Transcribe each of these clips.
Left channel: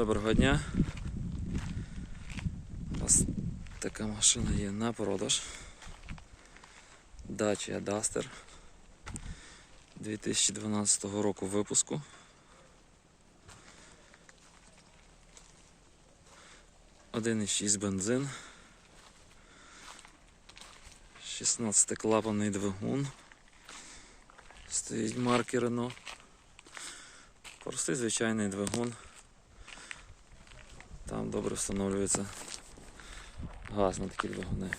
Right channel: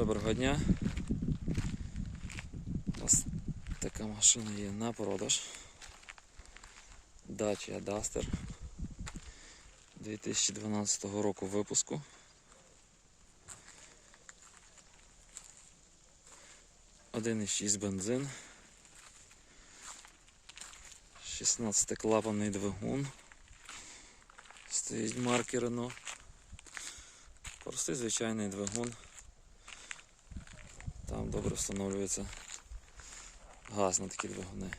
Доброго дня. Нас така машина є на продаж. Dacia Duster 2012 року випуску. Один із 6 бензин. 16 клапанний двигун. Стоїть марки Renault. Простий звичайний двигун. Там добре встановлюється газ на такі двигуни.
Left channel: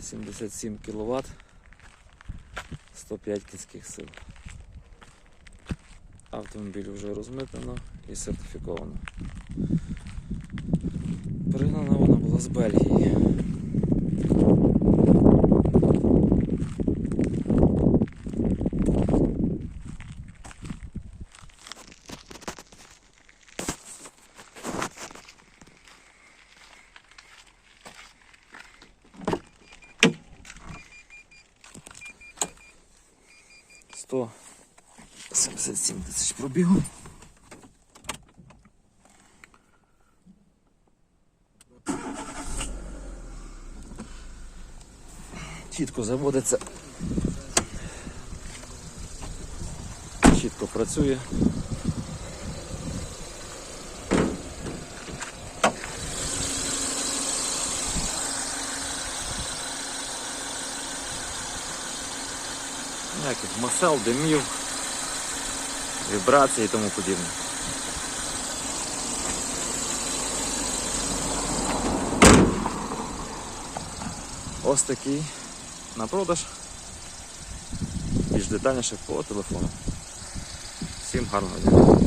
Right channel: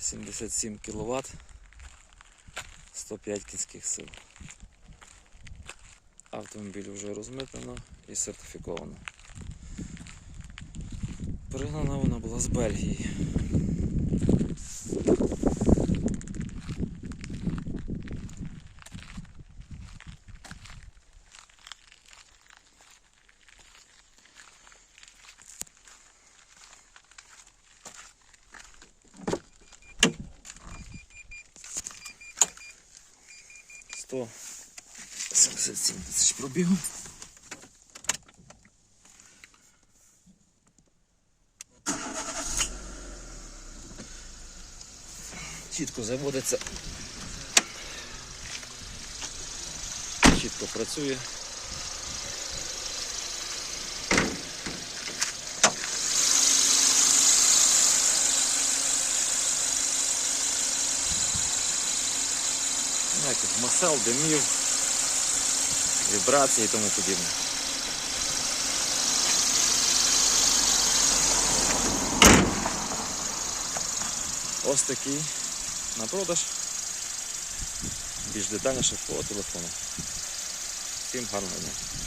77 кВт, 105 кінських сил. Автомобіль вже розмитнено і сертифіковано. Пригнана вона була з Бельгії. Сто 77 тисяч пробігу. Чітко заводиться. Чітко працює. Ніяких масел, димів, вібрацій і тому подібне. Ось такий на продаж. Більш детальніше по телефону. Всім гарного дня.